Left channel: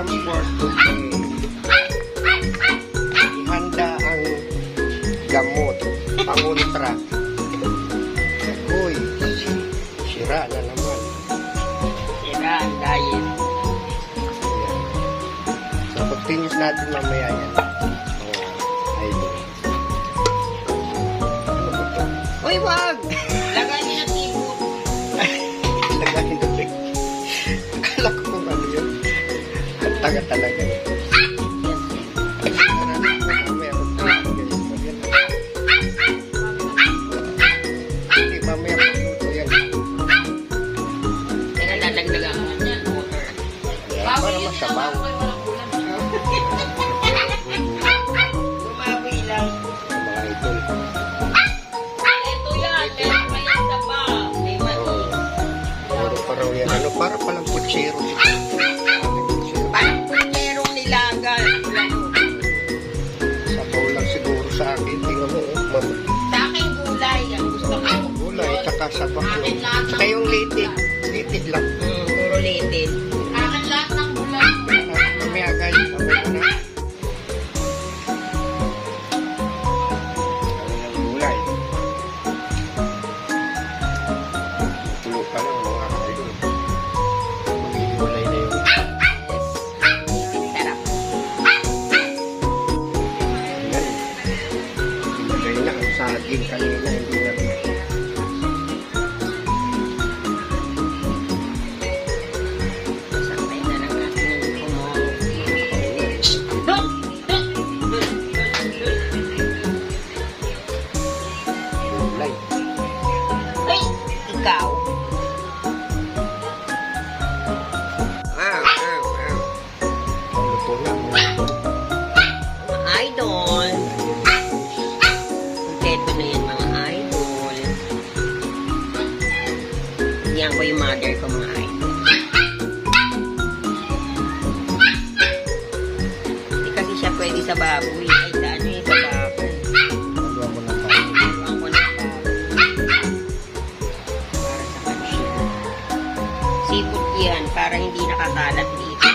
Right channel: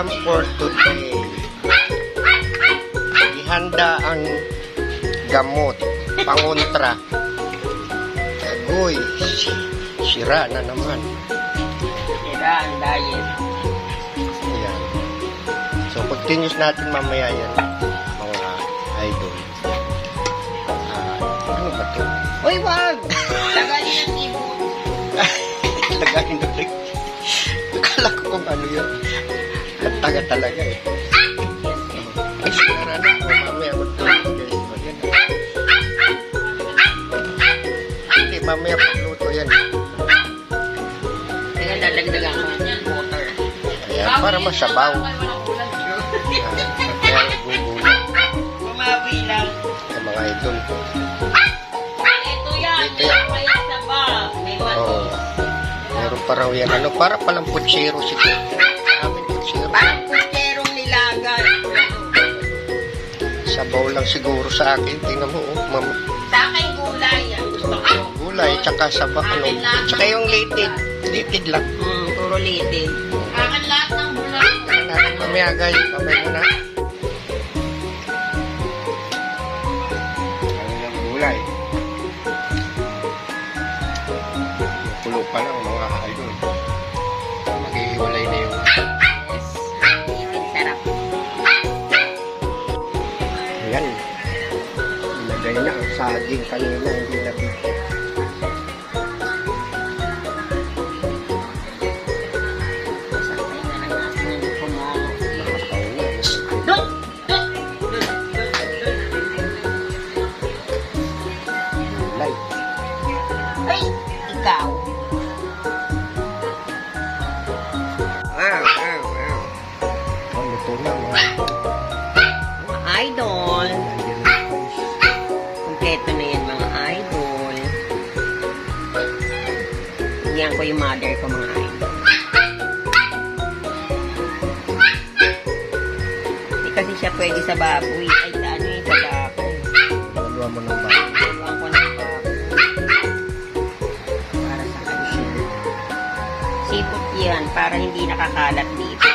ulam for today. Ihanda ang gamot, pangontra. Agoy, sira na naman. Sira ang diet. Ayan. So, continuous natin mamaya yan, mga idol. Ano ba ito? Uy, wag! Lagayin ang tibot. Lagayin na rin. Akala ko kung ano yun. Tanga talaga eh. Ay, sara na. Mamaya magluto guys. Hindi, mamaya magluto yan. Kaya lalagdagan ko ng water. Ayan, para masabaw. Kaya gugulo Kumabi lang. sa mga idol. Ito yan. Ito yan. May isa pa. May mato. Oo. Meron pa raw yan. Ano, para palang putsiro siguro. Aming putsiro. Parang punterong nilaga. Sabaw lang siguro sa akin. Tingnan mo, oh. Sa akin gulay. Ang gusto ko. Gulay, tsaka sabaw. Ano, tsaka yung litid. Litid lang. Puro litid. Akin lahat ng gulay. Natin mamaya guys. Babay mo na. Ano yung gulay? Pulo pa lang mga idol. Maghihiwalay na yung Yes. Litid sarap. ayan. Ilagay na ang saging kanina. Hindi na Sabay na lang natin kumaw. gulay. Ay! Ikaw. Luto na mga idol. Mga idol. Nandiyan na guys. Kompleto na yan mga idol. Yan ko yung mother ko mga idol. Hindi kasi siya pwede sa baboy. Ay, sa ano yun, sa baboy. Haluan mo ng bago. Haluan ko ng baboy. Para sa kanila. Sipot yan, para hindi nakakalat dito.